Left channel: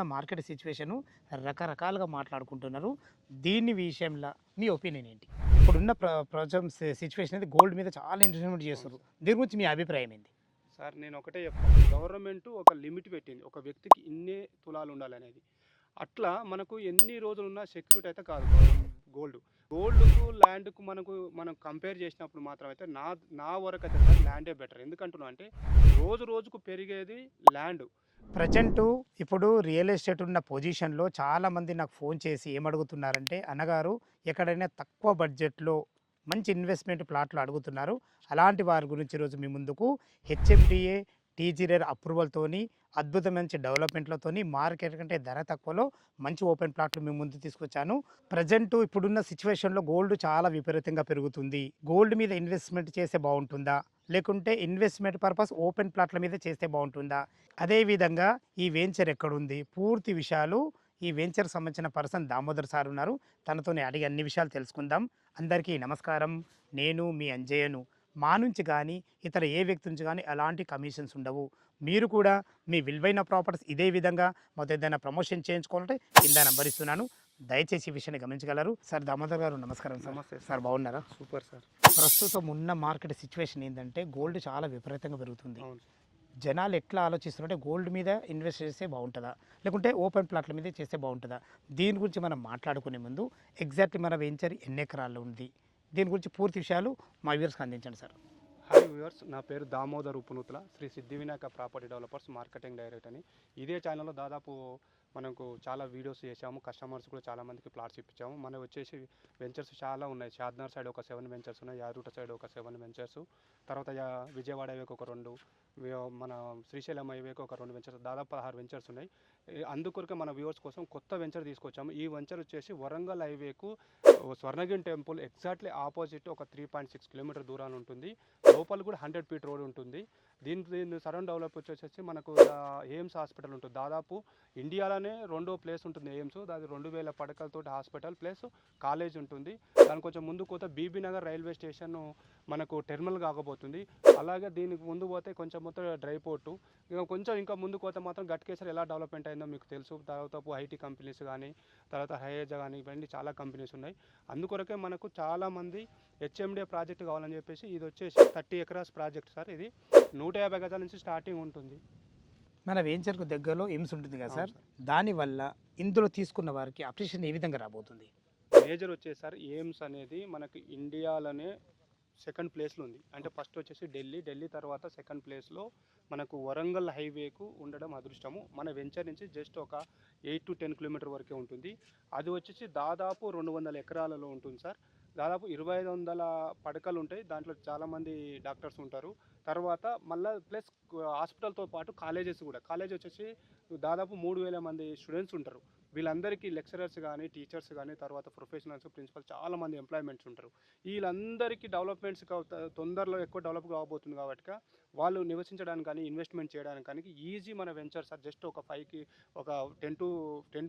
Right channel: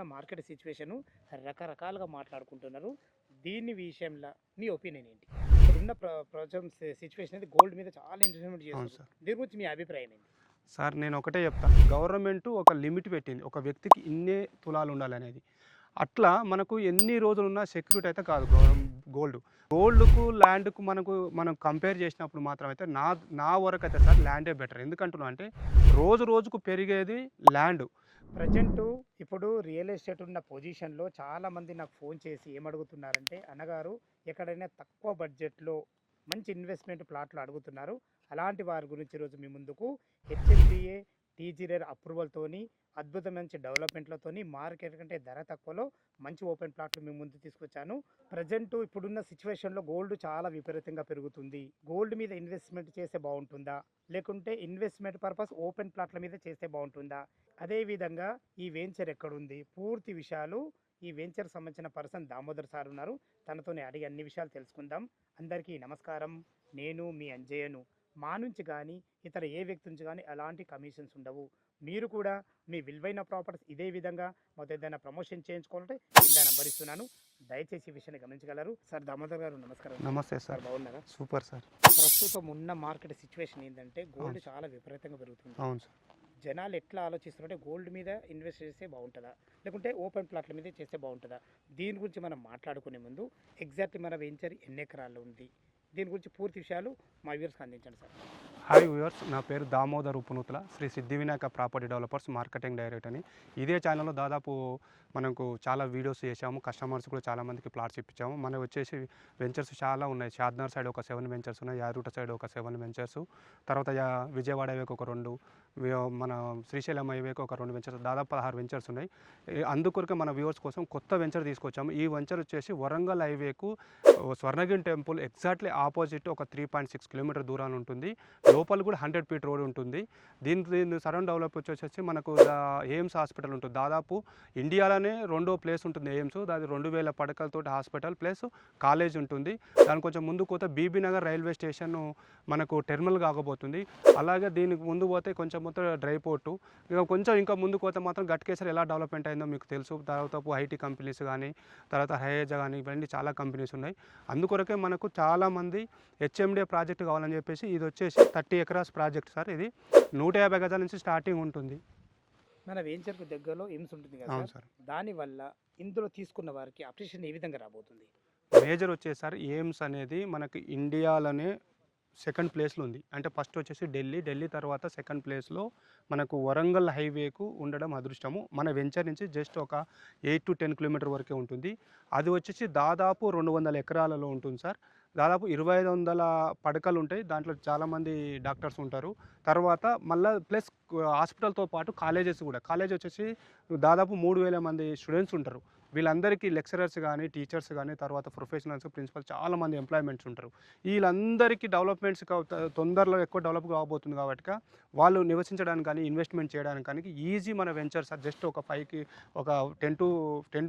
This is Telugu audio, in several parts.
ఇప్పుడున్న మార్కెట్ సిచ్యువేషను రకరకాలుగా మాట్లాడుకుంటున్నారు. దీని విషయంలో మీ ఒపీనియన్ ఏంటి? ఇప్పుడున్న ప్రజెంట్ సిచ్యువేషన్ అనేది గోల్డ్ మీద చాలా ఇన్వెస్ట్‌మెంట్ అవును చేస్తుర్రు. సార్. దీని గురించి మీ అభిప్రాయం ఏంది? సార్ నేను ఒకటే చెప్తాను. గవర్నమెంట్ ఒక లిమిట్ పెట్టింది. ఒక వ్యక్తికి ఇన్నే తులాలు ఉండాలనేది. అట్లా మనకు ఎన్ని రోజులున్న సెక్యూరిటీ అయితే కాదు గోల్డ్. గోల్డ్‌కు, ల్యాండ్‌కు మనం కంపేర్ చేసినప్పుడు మాత్రం అయితే నా వరకైతే సార్ ల్యాండే బెటర్. ఎందుకంటున్నా అంటే రోజు రోజుకు పెరిగేది ల్యాండ్. ప్రజెంటు ఇప్పుడు రియల్ ఎస్టేట్ ఉన్న పొజిషన్‌లో చాలామంది నాకు ఫోన్ చేసి ఏమడుగుతున్నారంటే, "అన్నగారు ఎక్కడైనా తక్కువ బడ్జెట్‌లో మంచి ఇన్వెస్ట్‌మెంట్ ప్లాట్లు అడుగుతున్నారు. అలాంటి వారి గురించి ఈరోజు మీ ముందుకు హెచ్ఎండిఏ, టీజీ రేర్ అప్రూవల్‌తోని అద్భుతమైన మంచి డెవలప్‌మెంట్‌లతోని మార్కెట్ కంటే ధర తక్కువలో మంచి ఓపెన్ ప్లాట్లు మీ ముందుకు తీసుకొచ్చాను. ప్రజెంటు ఇప్పుడున్న సిట్యుయేషన్‌లో గోల్డ్ చాలా విపరీతంగా పెరుగుతుంది. గోల్డ్ మీద ఇన్వెస్ట్‌మెంట్ చేస్తే బావుంటుందా? లేకుంటే ఇన్వెస్ట్‌మెంట్ పర్పస్ ఓపెన్ ప్లాట్ల మీద చేస్తే బావుంటుందా? అదేవిధంగా ఈ వెంచర్ ఎక్కడుంది? పూర్తి విషయాలు ఈ వెంచర్‌కి సంబంధించిన పర్సన్ దామోదర్ సార్ ఉన్నారు. తనతోని అడిగి అన్ని విషయాలు తెలుసుకుందాం. అందరికీ నమస్కారం. నేను మీ అంజయ్యను. మా నుంచి గానీ, ఇతర ఏ వ్యక్తి నుంచి గానీ ఎలాంటి కమిషన్స్ ఉండవు. మీరు కూడా మీ విలువైన ప్రాపర్టీస్ ఇదే విధంగా మాతో ఏదైనా ప్రమోషన్ చేయించుకోవాలంటే కింద నంబర్ ఇస్తున్నాను. దయచేసి ఈ విషయాన్ని గమనించగలరు. సార్ దామోదర్ గారు నమస్కారం సార్. నమస్తే సార్ సార్. బాగున్నారా? Super sir. ప్రస్తుతం ఉన్న మార్కెట్ సిచ్యువేషన్ ఏందంటే గోల్డ్ అవును. చాలా విపరీతంగా పెరుగుతుంది. అవును సార్. జనాలు ఎట్లా ఆలోచిస్తున్నారంటే గోల్డ్ మీద ఇన్వెస్ట్ చేస్తే బాగుంటుందా? లేకుంటే ఓపెన్ ప్లాట్ల మీద చేస్తే బాగుంటుందా? దీని గురించి మనం మాట్లాడుకునే ముందు ఎగ్జాక్ట్లీ మన వెంచర్ ఎన్ని ఎకరాల్లో ఉంది? దీని గురించి పూర్తి విషయాలు మా వ్యూవర్స్‌కి అందించండి సార్. హాయ్ వ్యూవర్స్, నా పేరు దామోదర్ ఉప్పునూతల, శ్రీ సిద్ధి Vinayaka property developers marketing director అని. ఇదే ఛానల్లో దాదాపు మనకు చాలా వీడియోస్ చేసాము. కస్టమర్స్ కూడా చాలామందికి ప్లాట్స్ ఇప్పించాము. మనకు వచ్చేసి వెంచర్స్ చాలా ఉన్నాయి. షాద్నగర్ సైడ్ ఒక 7 వెంచర్స్ ఉన్నాయి. యాదగిరిగుట్ట సైడ్ ఒక 7 వెంచర్స్, తర్వాత విజయవాడ హైవేకి ఒక 2, మన శ్రీశైలం హైవేకి ఒక 2 వెంచర్స్, దాదాపు 16 వెంచర్స్ ఉన్నాయి. అందుకొరకే మన వ్యూవర్స్ కోసం కొత్త వెంచర్ తీసుకొచ్చాము. ఈ వెంచర్ వచ్చేసి వరంగల్ హైవేకు స్వర్ణగిరి టెంపుల్ ఎగ్జాక్ట్లీ ఆపోజిట్ ఒక 3.6 కిలోమీటర్ దూరాన్ని ఉంటుంది. లోపల కూడా 100 ఫీట్ రోడ్ ఉంటుంది. దీని సరౌండ్ డెవలప్ వచ్చేసి మనకు ఎయిమ్స్ హాస్పిటల్ ఉంటుంది. దాదాపు ఇండియాలోనే రెండో ప్లేస్ ఉంటుంది ఎయిమ్స్. అది 2000 పడకలతో హాస్పిటల్ ప్లస్ కాలేజ్ ఉంటుంది. దాని కొంచెం ముందు పోతే బీబీ నగర్ రైల్వే స్టేషన్ మనకు టెర్మినల్ కాకపోతుంది. అలాగే దీనికి ముందు పోతే కొంచెం మొత్తం డ్రై పోర్టు, ఇంకా ముందుకు పోతే మాత్రం గట్కేసర్ ఎలా డెవలప్మెంట్ అయిందో మీకు తెలుసు. దాదాపు ఐటీ కంపెనీస్ కానీ, తర్వాత హైఏజా కానీ, ఇవన్నీ చాలా కంపెనీస్ ఉన్నాయి. అందుకొరకే మనకు చాలామంది హెచ్ఎండిఏ ప్రాజెక్ట్ కావాలని చెప్పేసి ఇది వచ్చేసి 30 ఎకరాస్ ప్రాజెక్ట్ సార్. ఇది 150 గజాల నుంచి స్టార్టింగ్ ఉంటుంది. మన వెంచర్‌కు దగ్గరలో ఎయిమ్స్ ఉంటుంది కదా అవును సార్. సార్. దానివల్ల ఇందులో తీసుకున్న వారికి అప్రిషియేషన్ ఏ విధంగా రాబోతుంది? మేజర్ వచ్చేసి సార్ ఎయిమ్స్ అనేది మనకి ఇండియాలోనే సెకండ్ ప్లేస్లో ఉంది. అంటే ఫస్ట్ వచ్చేసి ఢిల్లీ తర్వాత సెకండ్ ప్లేస్లో మనకు వరంగల్ హైవేకు ఉండడం అదృష్టము. మన వెంచర్ నుంచి జస్ట్ ఒక 8 to 10 కిలోమీటర్ వరకే ఉంటుంది. అది వచ్చేసి దాదాపు 200 ఎకరాలలో ఉంటుంది సార్. దాదాపు 2500 పడకలు ఉంటాయి. దాంట్లో చాలామంది డాక్టర్స్ ఉంటారు. తర్వాత మళ్ళీ ప్లస్ హాస్పిటల్తో పాటు కాలేజెస్ కూడా. కాలేజ్ వచ్చేసి దాదాపు 3000 మంది స్టూడెంట్స్ ఉంటారు. వీళ్ళందరికీ లెక్చరర్స్ కానీ, టీచర్స్ కానీ, తర్వాత ప్రొఫెషనల్స్, ప్రిన్సిపల్ చాలామంది ఎంప్లాయ్మెంట్స్ ఉంటారు. వీళ్ళందరికీ డెవలప్మెంట్స్ తొందరలో ఎక్కువ డెవలప్ కాబోతుంది కాబట్టి వాళ్ళు నివసించడానికి కానీ, ఇన్వెస్ట్మెంట్ చేయడానికి కానీ ఈజీ మన వెంచర్ సార్. జస్ట్ ఒక 5కి ఒక 10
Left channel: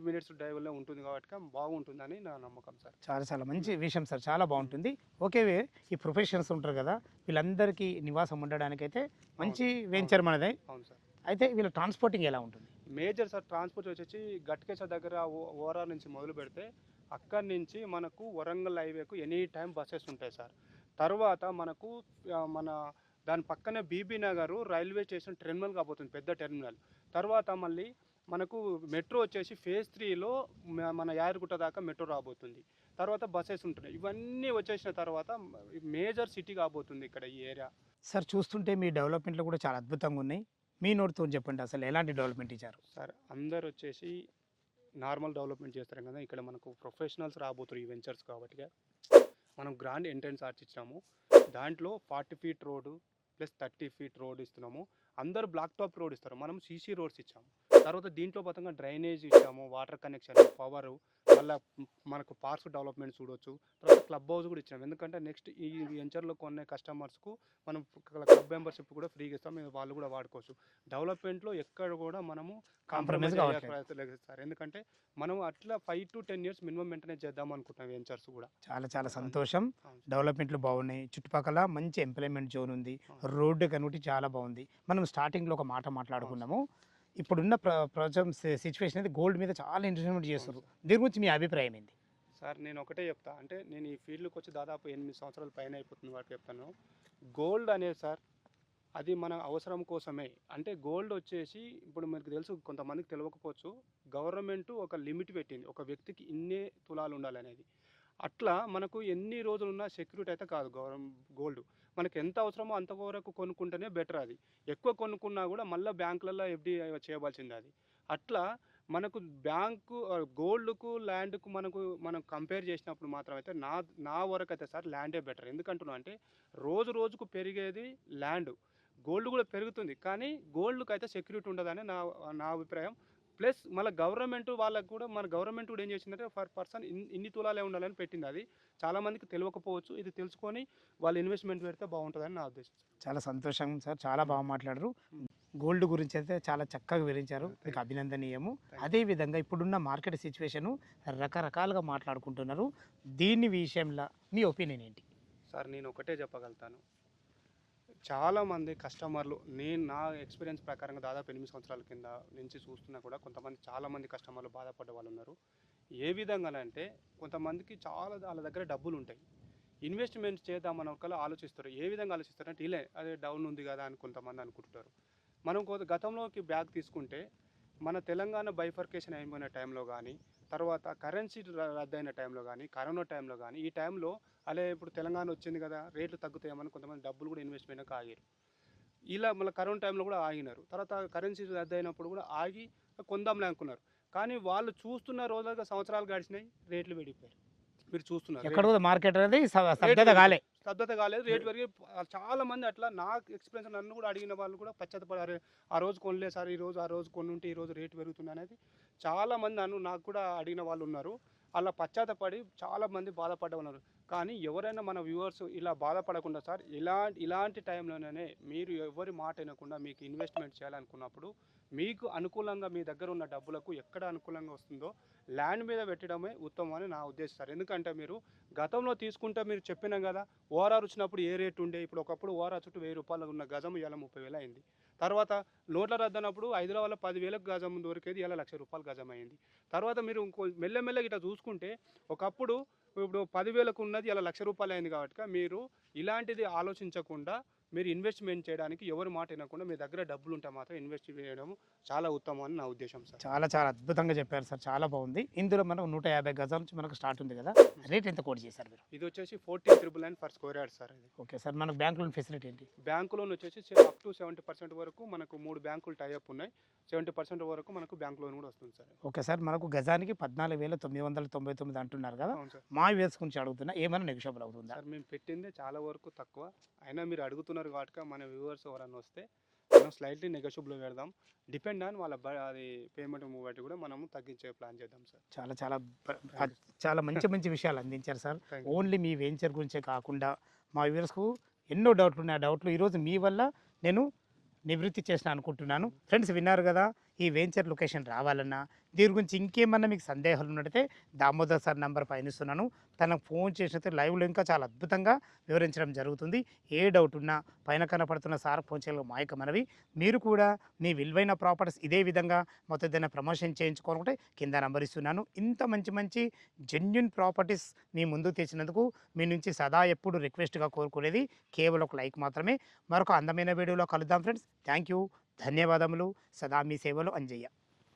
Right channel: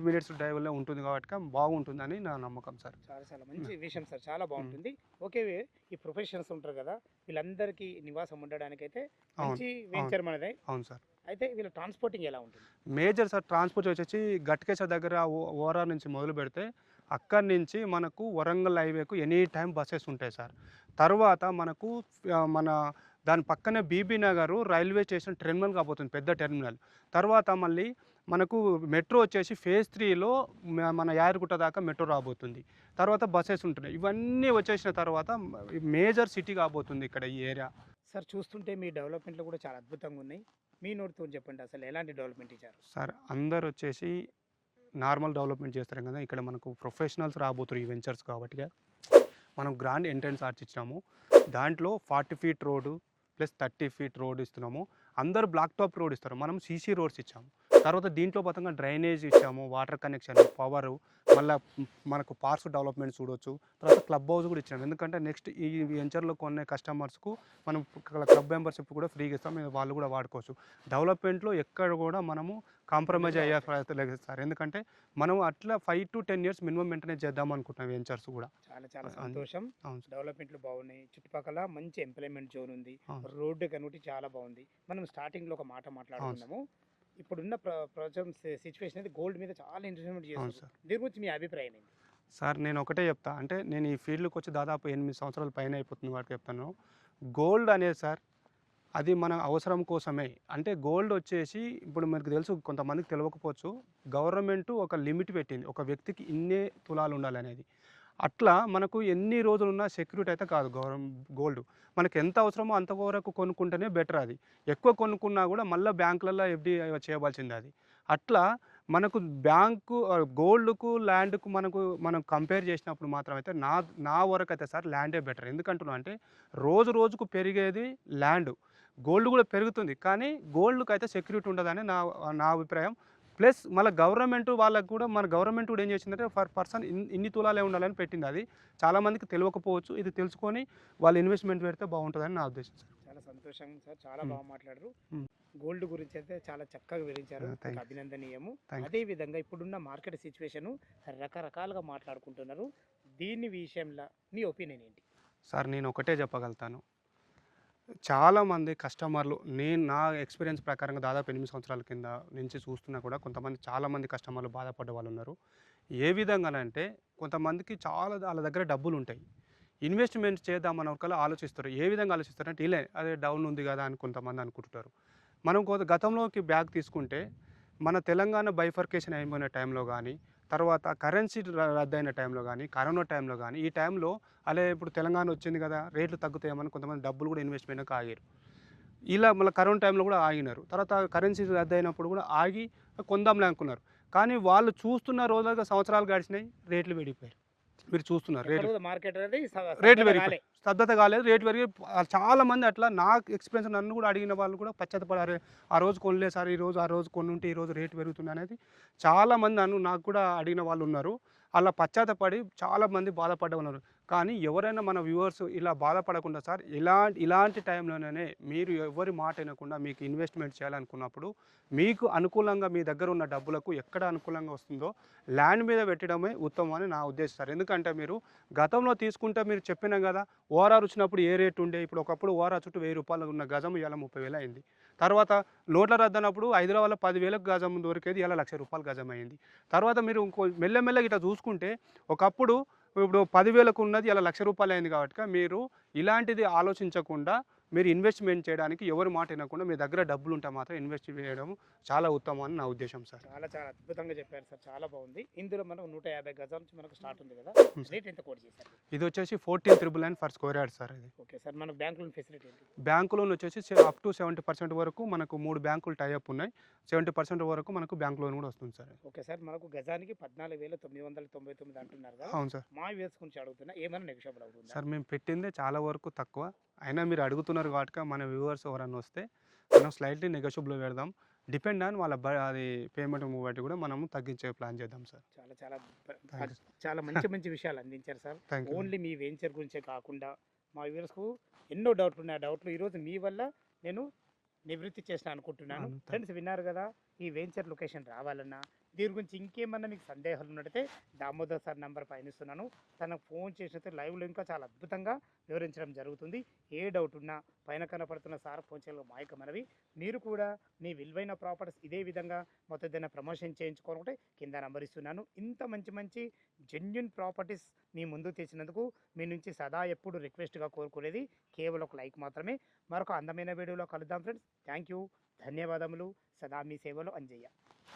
మినిట్స్ డ్రైవ్లో ఉంటుంది కాబట్టి బాగుంటుందని నా నమ్మకం సార్. చాలా చాలా మంచి విషయం సార్. చాలా బాగుంటుంది. ఓకే. ఈ ప్రొఫెషనల్స్ ఉంటారు కదా! వీళ్ళందరికీ నివాసం ఉండడానికైతే మంచి వెంచర్ మనదే. అవును సార్. అయితే వీళ్ళ ట్రాన్స్‌పోర్టింగ్ ఎలా ఉంటుంది? మేజర్ సార్ ట్రాన్స్పోర్ట్ వచ్చేసి గట్కేసర్ దగ్గర ఓఆర్ఆర్ నుంచి మొదలు పెడితే అక్కడి నుంచి మనకు వరంగల్ హైవేకు ఎనీ టైం బస్సెస్ ఉంటాయి సార్. తర్వాత మనకు మన దాని పక్కనే Bibi Nagar railway station terminal కాబోతుంది, పెద్ద టెర్మినల్. తర్వాత మళ్ళీ మనకు మెట్రో వచ్చేసి ఫేజ్ 3లో మన యాదగిరిగుట్ట దాకా మెట్రో రాబోతుంది. తర్వాత బస్సెస్ ఉంటున్నాయి. ఇవన్నీ వచ్చేసిన తర్వాత మేజర్ సిటీ కాబోతుంది ఇక్కడ ఈ ఏరియా. సార్ చూస్తుంటే మీ డెవలప్‌మెంట్‌లు కూడా చాలా అద్భుతంగా ఉన్నాయి. మీ నోటితోని చెప్పండి అసలు ఎలాంటి డెవలప్‌మెంట్ ఇచ్చారు? సార్ అందరు వచ్చేసి నార్మల్ డెవలప్మెంట్ చేస్తారు కదా, ఇక్కడ మనకు ప్రొఫెషనల్స్ రాబోతున్నారు ఈ వెంచర్స్ కాబట్టి మనం గ్రాండ్ ఎంట్రన్స్ ఆర్చ్ ఇచ్చినాము. దాంట్లో 40 feet road plus 30 feet road ఇస్తున్నాము. అందరు బ్లాక్ టాప్ రోడ్ ఇస్తారు, మనం సీసీ రోడ్స్ ఇచ్చాము. తర్వాత దీంట్లో పతంగా డ్రైనేజ్ ఇచ్చాము, వాటర్ కనెక్షన్, పవరు, మళ్ళీ మనకు పార్క్స్ డెవలప్మెంట్ చూడవచ్చు. తర్వాత క్లబ్ హౌస్ కూడా ఇచ్చాము. ఎందుకంటే నెక్స్ట్ ఈ వెంచర్లో కొనే కస్టమర్స్కు మనం క్లబ్ మెంబర్షిప్ కూడా ఫ్రీగా ఇస్తాం, వాళ్ళు కూడా వాడుకోవచ్చు. డెవలప్మెంట్లో ఎక్కడ కూడా మనము కాంప్రమైజ్ అయ్యే ప్రయత్నం లేదు సార్. ఎందుకంటే మనం అట్లా 5 to 10 years మినిమం మెయింటెనెన్స్ చేద్దాం అనుకుంటున్నాం వెంచర్స్ కూడా. చాలా చాలా సంతోషం. అవును సార్. డెవలప్‌మెంట్‌లు బాగున్నాయి. చుట్టుపక్కల మంచి ఎంప్లాయ్‌మెంట్ జోన్ ఉంది. రోడ్డు కనుటి చాలా బాగుంది. మనం స్టార్టింగ్‌లో ఒక మాట మాట్లాడుకున్నాము. ఇప్పుడున్న ప్రజెంట్ సిచ్యువేషన్ అయితే గోల్డ్ మీద చాలా ఇన్వెస్ట్మెంట్ అవును చేస్తారు. సార్. దీని గురించి మీ అభిప్రాయం ఏంటి? సార్ నేను ఒకటే చెప్తా, అంటే నేను ఈ ఫీల్డ్‌కి వచ్చి దాదాపు 8 సంవత్సరాల పైన అయిపోతుంది కాబట్టి చెప్తాను. గోల్డ్ అనేది సార్ అది మన అవసరం కోసమే. అంటే గోల్డ్ వచ్చేసి ఇప్పుడు మనకు తెలుసు, కొంతమందికి తెలవకపోవచ్చు. గవర్నమెంట్ ఒక లిమిట్ పెట్టింది. ఒక వ్యక్తికి ఇన్నే తులాలు ఉండాలనేది. అట్లా మనకు ఎన్ని రోజులున్న సెక్యూరిటీ అయితే కాదు గోల్డ్. మనకు ఎంత అవసరమో అంత వరకు కొనుక్కుంటేనే బెటర్ అది. ఎక్కువ కొనుక్కున్నా కూడా మళ్ళా బ్యాంకులలో ఎఫ్‌డి చేయవలసిందే అది. అట్లా మనకు గోల్డ్‌కు, ల్యాండ్‌కు మనం కంపేర్ చేసినప్పుడు మాత్రం అయితే నా వరకైతే సార్ ల్యాండే బెటర్. ఎందుకంటున్నా అంటే రోజు రోజుకు పెరిగేది ల్యాండ్. గోల్డ్ కూడా పెరుగుతుంది. కానీ గోల్డ్‌కైతే సెక్యూరిటీ ఉండదని నా నా అభిప్రాయం. ప్లస్ మళ్ళీ మన గవర్నమెంట్ కూడా ఏం చేసిందంటే పర్సన్ ఇన్ని తులాలే ఉండాలని పెట్టింది. అది చాలామందికి తెలియకపోవచ్చు. ఇది తెలుసుకొని వాళ్ళు ఇన్వెస్ట్మెంట్ పెడితే బాగుంటుందని నా ఉద్దేశం సార్. చాలా సంతోషం సార్. చాలా హ్మ్. బాగా మాట్లాడారు. హ్మ్. గోల్డ్ గురించి అయితే చాలా చక్కగా వివరించారు. థాంక్ మీకు యూ. అభినందనీయము. Thank you. అదే విధంగా ఇప్పుడున్న మార్కెట్ సిచ్యువేషను రకరకాలుగా మాట్లాడుకుంటున్నారు. దీని విషయంలో మీ ఒపీనియన్ ఏంటి? సార్ నేను ఒకటే చెప్పగలుగుతాను. చాలామంది కస్టమర్లు, నా ఎక్స్‌పీరియన్స్ ప్రకారంగా దాదాపు 8 సంవత్సరాల కింద నుంచి చూస్తున్నా కూడా చాలామంది కస్టమర్లు బాధపడ్డ వాళ్ళున్నారు. ఏ విధంగానంటే కొంతమందికి వాళ్ళ దగ్గర డబ్బులుంటాయి. ఇన్వెస్ట్‌మెంట్ చేద్దామన్న ఒకళ్ళు ఆలోచిస్తారు. ఏ విధంగా ఆలోచిస్తారంటే అదే డౌన్ ఉంది కదా అని కొంతమంది అనుకుంటుంటారు. మనం గతంలోకి బ్యాక్ తీసుకుంటే మన తెలంగాణ బైఫర్కేషన్ అయిపోయిన టైంలో గానీ, తర్వాత కరెన్సీ రద్దయిన టైంలో గానీ, కరోనా టైంలో గానీ, ఈ టైంలో ఇప్పుడు తెలంగాణ వచ్చింది కదా, రేట్లు తగ్గుతాయేమని కొంతమంది డబ్బులు కూడా ఇన్వెస్ట్‌మెంట్‌కి ఆగారు. ఇలా మళ్ళీ కరోనా టైంలో కూడా ఆగినారు. తర్వాత కరెన్సీ రద్దయినప్పుడు కూడా ఆగి కొందాంలే అనుకున్నారు. కానీ వాళ్ళు చూస్తున్న రోజులుగా సంవత్సరాలు గడిచినాయి, రేట్లు పెరిగిపోయాయి. మీరు చూస్తున్నారు ఎక్కడ కూడా మార్కెట్ అనేది రేట్లు స్తబ్దత కాలే. స్తబ్దత కాలేదు. రేట్లు పెరిగి చాలామంది అట్లా ఎక్స్‌పీరియన్స్ నన్ను కూడా అడిగిన వాళ్ళు కూడా పశ్చాత్తపడారు. ఆ రోజు కొనలేదు సార్, ఆ రోజు కొనుంటే ఈరోజు రేటు పెరుగుతుంది అనేది చాలామంది నాకు కూడా అడిగిన వాళ్ళు ఉన్నారు. అలా పశ్చాత్తపడి చాలామంది బాధపడ్డ ఉన్నారు. కానీ ఎవరైనా మన వ్యూవర్స్ ఇలా బాధపడకుండా సార్, ఇలాంటి టైంలోనే మీరు ఎవరి మాట వినకుండా మీకు ఇన్వెస్ట్మెంట్ చేయాలనుకున్నప్పుడు మీకు అనుకూలంగా మీ దగ్గర ఉన్న డబ్బులకు ఎక్కడ అనుకూలంగా వస్తుందో ల్యాండ్ మీద పెట్టడమే ఉత్తమం అని నా ఉద్దేశం సార్. ఎందుకంటే మీరు గతంలో తీసుకుంటే మీరు చెప్పినాం కదా, ఓఆర్ఆర్ వచ్చినప్పుడు ఏ రేటు ఉండే, ఇప్పుడు ఒకప్పుడు ఓఆర్ఆర్ చుట్టూ ₹1000 ఉన్న గజం ఇవాళ 30,000 అయింది. తర్వాత నోట్ల రద్దనప్పుడు హైదరాబాద్లో 10,000కు గజం దొరికేది ఇవాళ ₹1,00,000 గజం అయింది. తర్వాత మీరు మెల్లమెల్లగా ఇట్లా చూసుకుంటే ఒకప్పుడు ఇప్పుడు 10,000కు ఉన్నది ఇలా ₹1,00,000 అయింది కాబట్టి మీరు ఇలాంటిది ఆలోచించకుండా మీరు ఇన్వెస్ట్మెంట్ చేయడానికి ఎవరి మాట వినకుండా మీ దగ్గర డబ్బులు ఉంటే మాత్రం ఇన్వెస్ట్ చేయడం చాలా ఉత్తమం అని నా ఉద్దేశం సార్. చాలా చాలా అద్భుతంగా చెప్పారు సార్. చాలా బాగుంది. ఇందులో మనం 150 గజాల నుంచి మనకు స్టార్ట్ ఉంది కదా, రేట్ ఎంత కోట్ చేశారు మీరు? ఇది వచ్చేసి 14,999 ఫర్ స్క్వేర్ యార్డ్ సార్. ఇది ఓకే సార్. మనకు బ్యాంక్ లోన్ ఫెసిలిటీ ఏంటి? బ్యాంకు లోన్ వచ్చేసి అప్ టు 70% వరకు మనకు 3 బ్యాంకులు టైఅప్ ఉన్నాయి. 70% వరకు మనకు బ్యాంక్ లోన్ కూడా వస్తుంది సార్. Okay sir. మనకు గజానికి 14,999 అంటున్నారు కదా. అవును సార్. మా వ్యూవర్స్ గురించి అడుగుతున్నా, ఏమైనా నెగోషియబుల్ అవుతుందా? సార్ మేము పెట్టిందే చాలా వరకు తక్కువ. అయినా మీరు అడుగుతున్నారు కాబట్టి మన వ్యూవర్స్ ఎవరన్నా వస్తే మనం స్లైట్లీ నెగోషియబుల్ పెడదాం. డిపెండ్ ఆన్ వాళ్ళ అది పేమెంట్ బట్టి కూడా మనము తగ్గించే ప్లాన్ చేద్దాం సార్. చాలా చాలా చాలా మంచి మంచి విషయాలు అందించారు sir. Thank you. Only me venture గురించే కాకుండా మా వ్యూవర్స్కు ఎన్నో డౌట్లు ఉన్నాయి. ఆ డౌట్లు ఈరోజు మీ వల్ల నేను నివృత్తి చేసిన అనుకుంటున్నాను. ఫ్రెండ్స్ విన్నారు కదా, ఈ వెంచర్ లొకేషన్ రావాలన్నా దీని గురించి ఇంకేమన్నా మీకు సందేహాలు ఉన్నట్టయితే దామోదర్ సార్ నెంబర్ పైన ఇస్తున్నాను. తనకు ఫోన్ చేసినట్టు లైవ్లో ఇంకా చాలా అద్భుతంగా వివరించడం జరుగుతుంది. ఏ డౌట్ ఉన్నా పైన కనపడుతున్న సార్ ఫోన్ చేయడం మా యొక్క మనవి. మీరు కూడా మీ విలువైన ప్రాపర్టీస్ ఇదే విధంగా మొత్తం ఏదైనా ప్రమోషన్ చేయించుకోవాలంటే కింద నెంబర్ ఇస్తున్నాను. ఇంత మంచి మంచి జెన్యున్ ప్రాపర్టీస్ మీ ముందుకు తెచ్చినందుకు మీ నుంచి సదా ఎప్పుడు రిక్వెస్ట్గా కోరుకునేది కేవలం ఒక లైక్ మాత్రమే. మరొక అందమైన వీడియోలో కలుద్దాం ఫ్రెండ్స్. Thank you. ధన్యవాదములు. సదా మీ సేవలో అంజయ్య.